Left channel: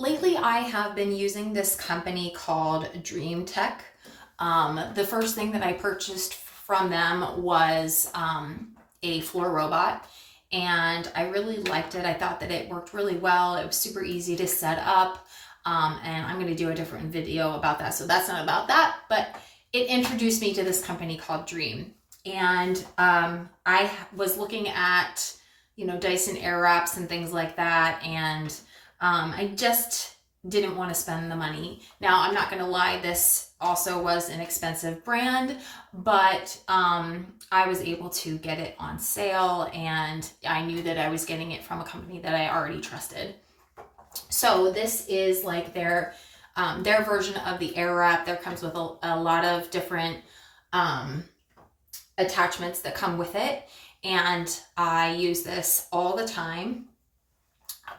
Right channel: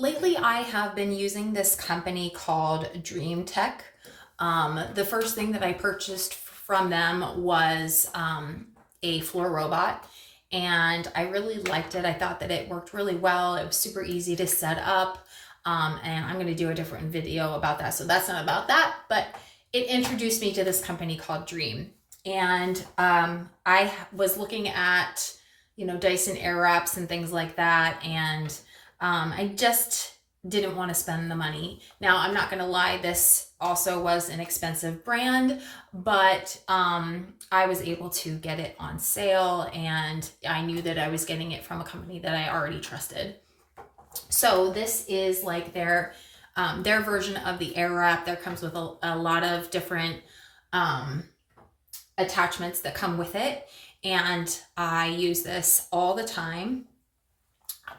Lately, I have been using this company called DREAME. The first thing that I purchased from them was a floor robot, and I really liked it. I thought that it worked really well. It was super easy to set up, and I'm going to do a different video about that, so that's not about that, but it introduced me to this company called DREAME. And I was looking at, Dyson Airwraps and things like that, and I just didn't want to spend the money. Now, I'm not going to lie, this also was an expensive brand, but I was able to get it on sale, and I knew that I was getting it from a company that I already trusted. So this is like their version of the Airwrap. There comes with a lot of different attachments that come with it, and I use this all the time.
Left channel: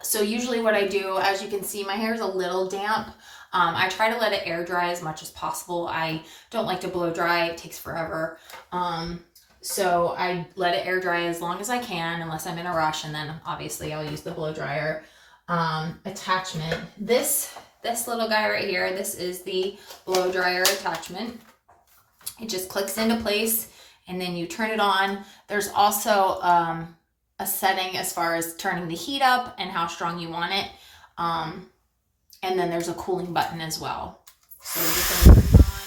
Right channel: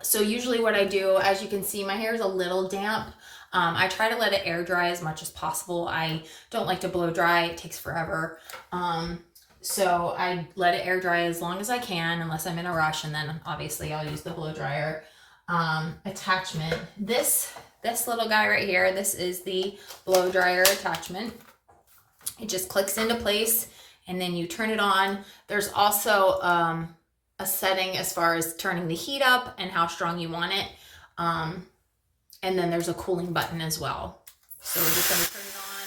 So usually what I do, as you can see, my hair is a little damp. I try to let it air dry as much as possible. I don't like to blow dry. It takes forever. So I let it air dry as long as I can, unless I'm in a rush, and then obviously I'll use the blow dryer attachment. This little guy right here, this is the blow dryer attachment. It just clicks into place, and then you turn it on. There's also a setting as far as turning the heat up and how strong you want it. And then there's a cooling button as well. So we're just going to turn it on.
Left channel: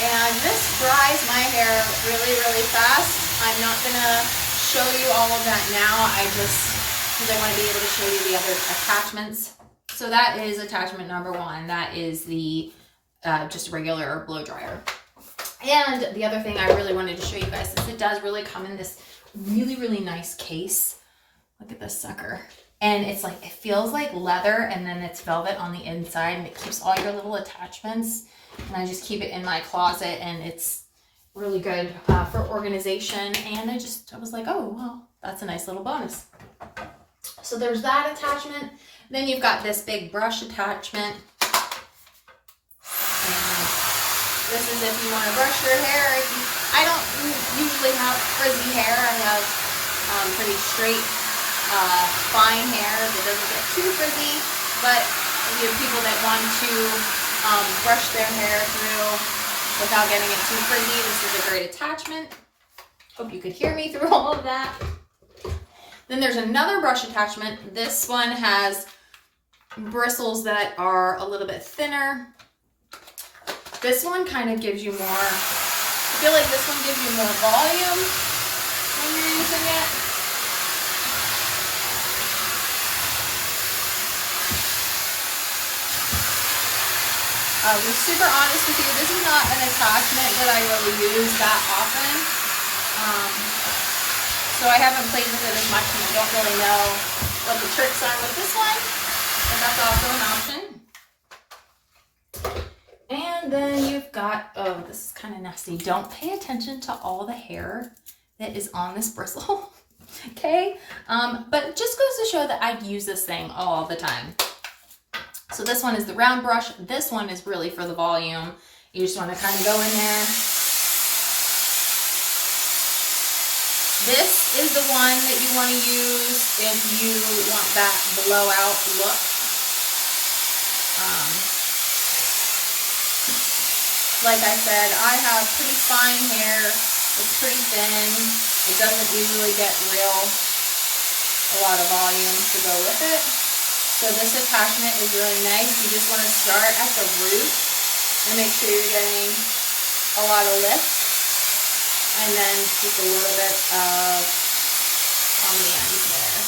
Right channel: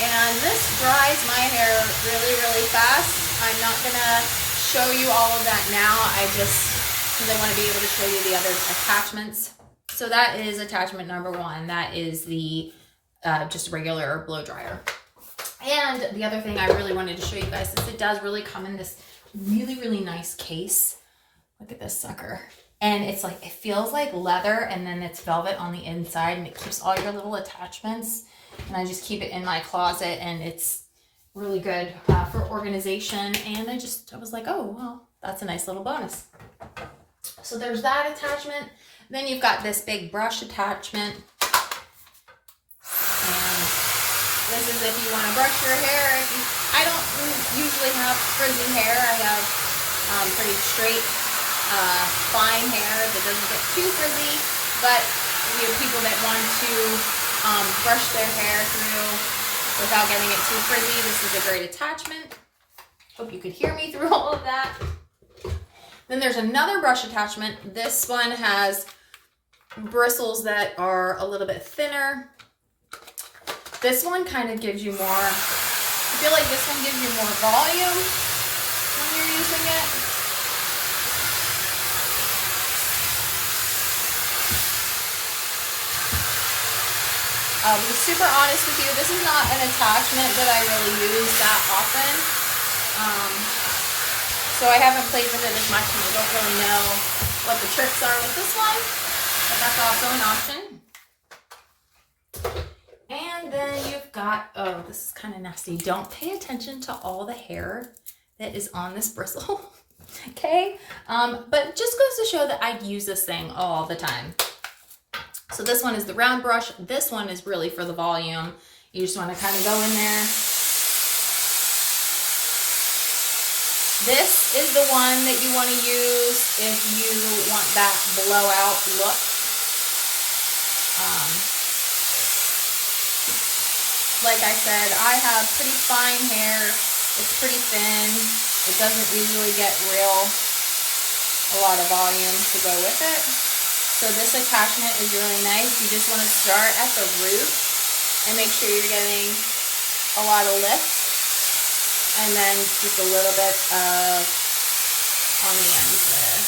And this dries my hair really, really fast. I'm not going to show you all of that now. Because I want to be able to show you the other attachments. So that is attachment number one. That is the just regular blow dryer. And the other thing I really wanted to show you guys is it does really come in this really, really nice case. Look at this sucker. And it's like, it feels like leather, and then it's velvet on the inside, and it keeps all your little attachments. And I just keep it in my closet, and it's really good for organization. And I was like, oh, well, that's a nice little bonus. So there's that attachment. Then you've got this big brush attachment. And this is if you want to brush your hair. I don't usually have frizzy hair. I have pretty straight, fine hair that doesn't get too frizzy. But if you have people that want to brush their hair through without getting it too frizzy, this is a great attachment. Hope you could hear me through all of that. Then there's another brush attachment. This one has bristles that are a little bit thinner. This one kind of gives you more, I feel like this one gives you more volume when you're using it. To be super honest with you, this is not an attachment that I really use that often. So I haven't played with it as much, and I don't really know what the tricks are with this one, but that's also an option. And then you've got, oh, this is kind of nasty. Don't pay attention to all the hair that is on this bristle, okay? But it just goes to show that I use this thing all the time. So this one is the round brush. This one is really for the volume. You just want to kind of go in there. This is the one that you want to use if you want that blowout look. Like I said, I have pretty fine hair. It's pretty thin. It doesn't usually get a lot of volume to go with it. So this attachment is really nice. You just want to start at the root and make sure you're getting a lot of lift. And then just a little bit of on the ends there.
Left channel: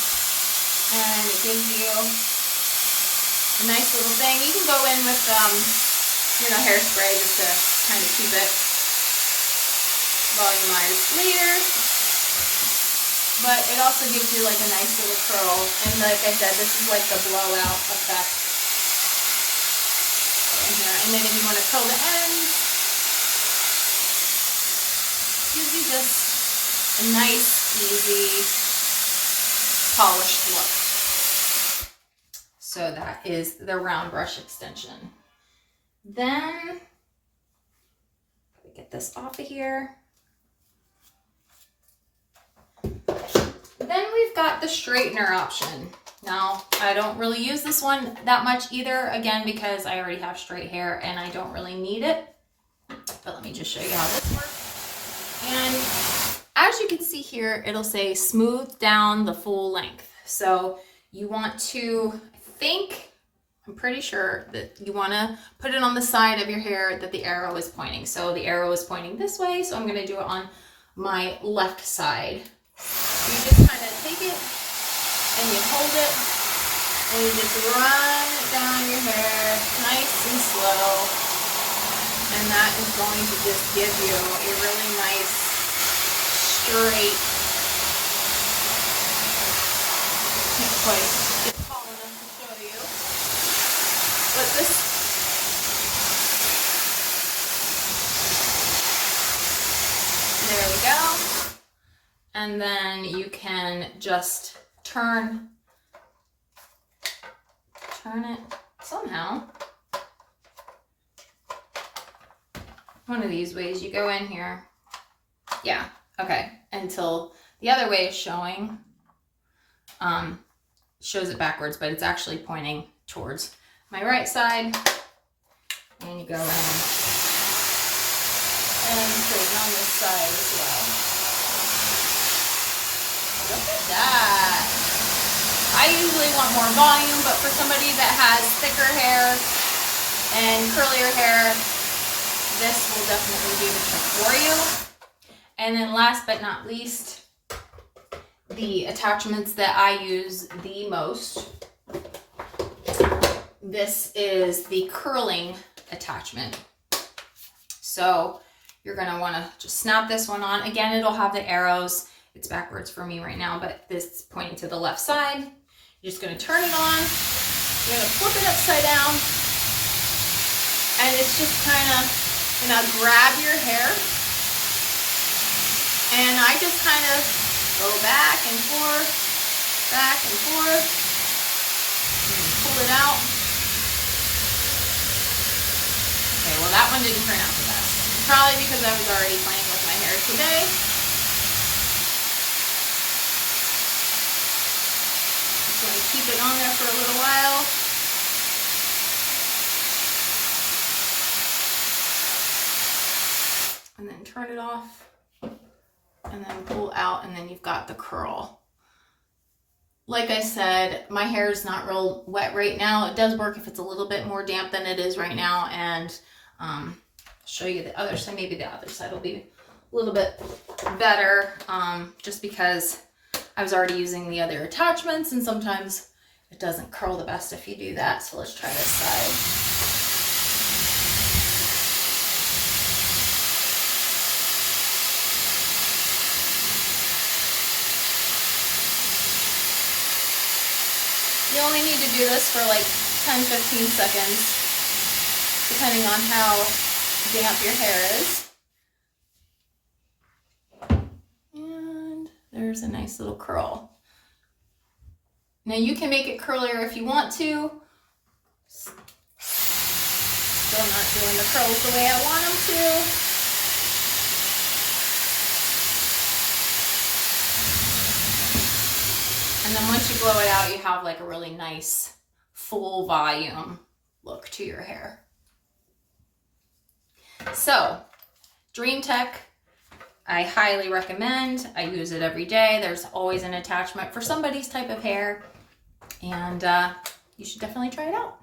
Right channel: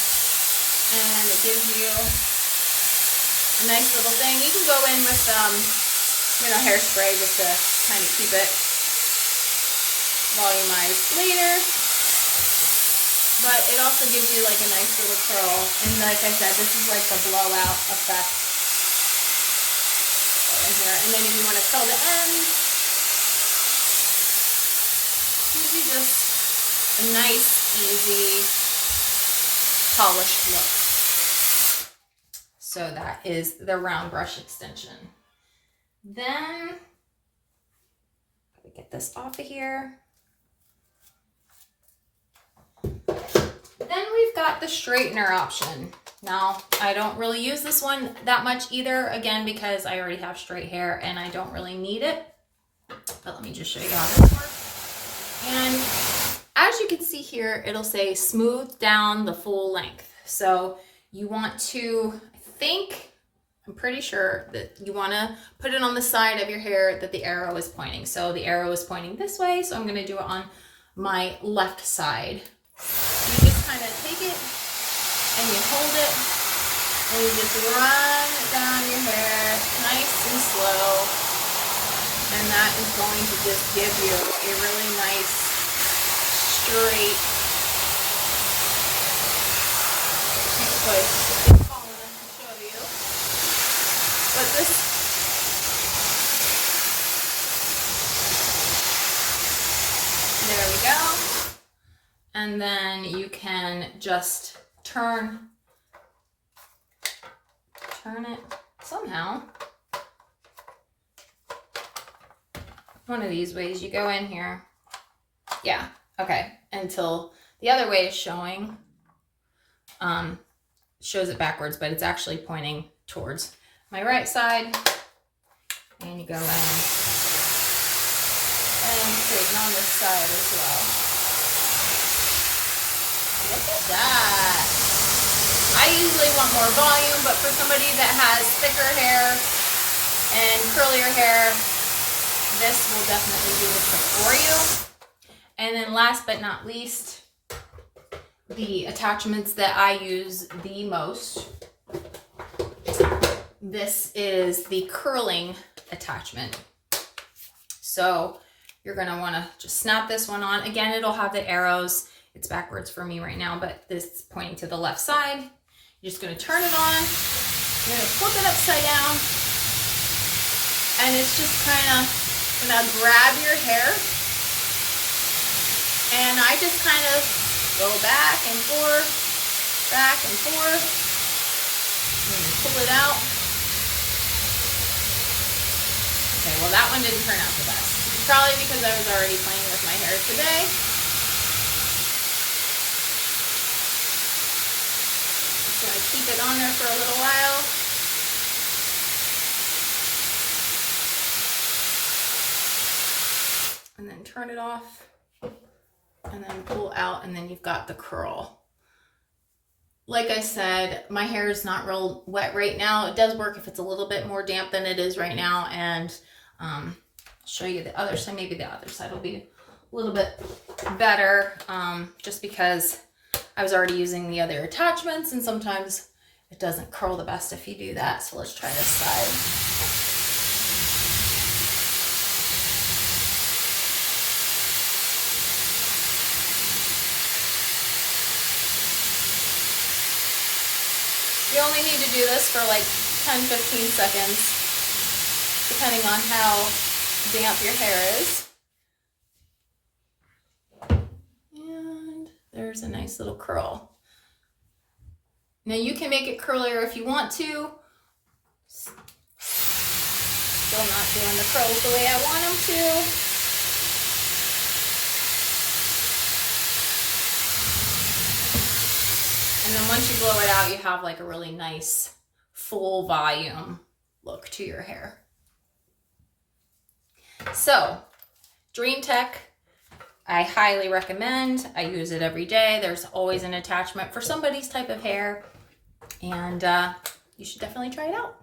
And it gives you a nice little thing. You can go in with hairspray just to kind of keep it volumized later. But it also gives you like a nice little curl. And like I said, this is like the blowout effect in here. And then if you want to curl the ends, gives you just a nice, easy, polished look. So that is the round brush extension. Then, get this off of here. Then we've got the straightener option. Now, I don't really use this one that much either, again, because I already have straight hair and I don't really need it. But let me just show you how this works. And as you can see here, it'll say smooth down the full length. So you want to, I'm pretty sure that you want to put it on the side of your hair that the arrow is pointing. So the arrow is pointing this way, so I'm going to do it on my left side. You just kind of take it and you hold it and you just run it down your hair nice and slow. And that is going to just give you a really nice straight, can't quite get tall enough to show you, but this, there we go. And then you can just turn it somehow. One of these ways, you go in here. Yeah, okay. Until the other way is showing, shows it backwards, but it's actually pointing towards my right side. And you go in and straighten on this side as well. Look at that. I usually want more volume, but for somebody that has thicker hair and curlier hair, this will definitely do the trick for you. And then last but not least, the attachments that I use the most. This is the curling attachment. So you're going to want to just snap this one on. Again, it'll have the arrows. It's backwards for me right now, but this is pointing to the left side. You're just going to turn it on. You're going to flip it upside down. And it's just kind of going to grab your hair. And I just kind of go back and forth, and pull it out. Okay, well that one didn't turn out the best. Probably because I was already playing with my hair today. Just going to keep it on there for a little while. And then turn it off. And then pull out, and then you've got the curl. Like I said, my hair is not real wet right now. It does work if it's a little bit more damp than it is right now. And show you the other side. Maybe the other side will be a little bit better, just because I was already using the other attachments, and sometimes it doesn't curl the best if you do that. So let's try this side. You only need to do this for like 10-15 seconds, depending on how damp your hair is. And there's a nice little curl. Now you can make it curlier if you want to. Still not doing the curls the way I want them to. And then once you blow it out, you have like a really nice full volume look to your hair. So, Dream Tech, I highly recommend. I use it every day. There's always an attachment for somebody's type of hair, and you should definitely try it out.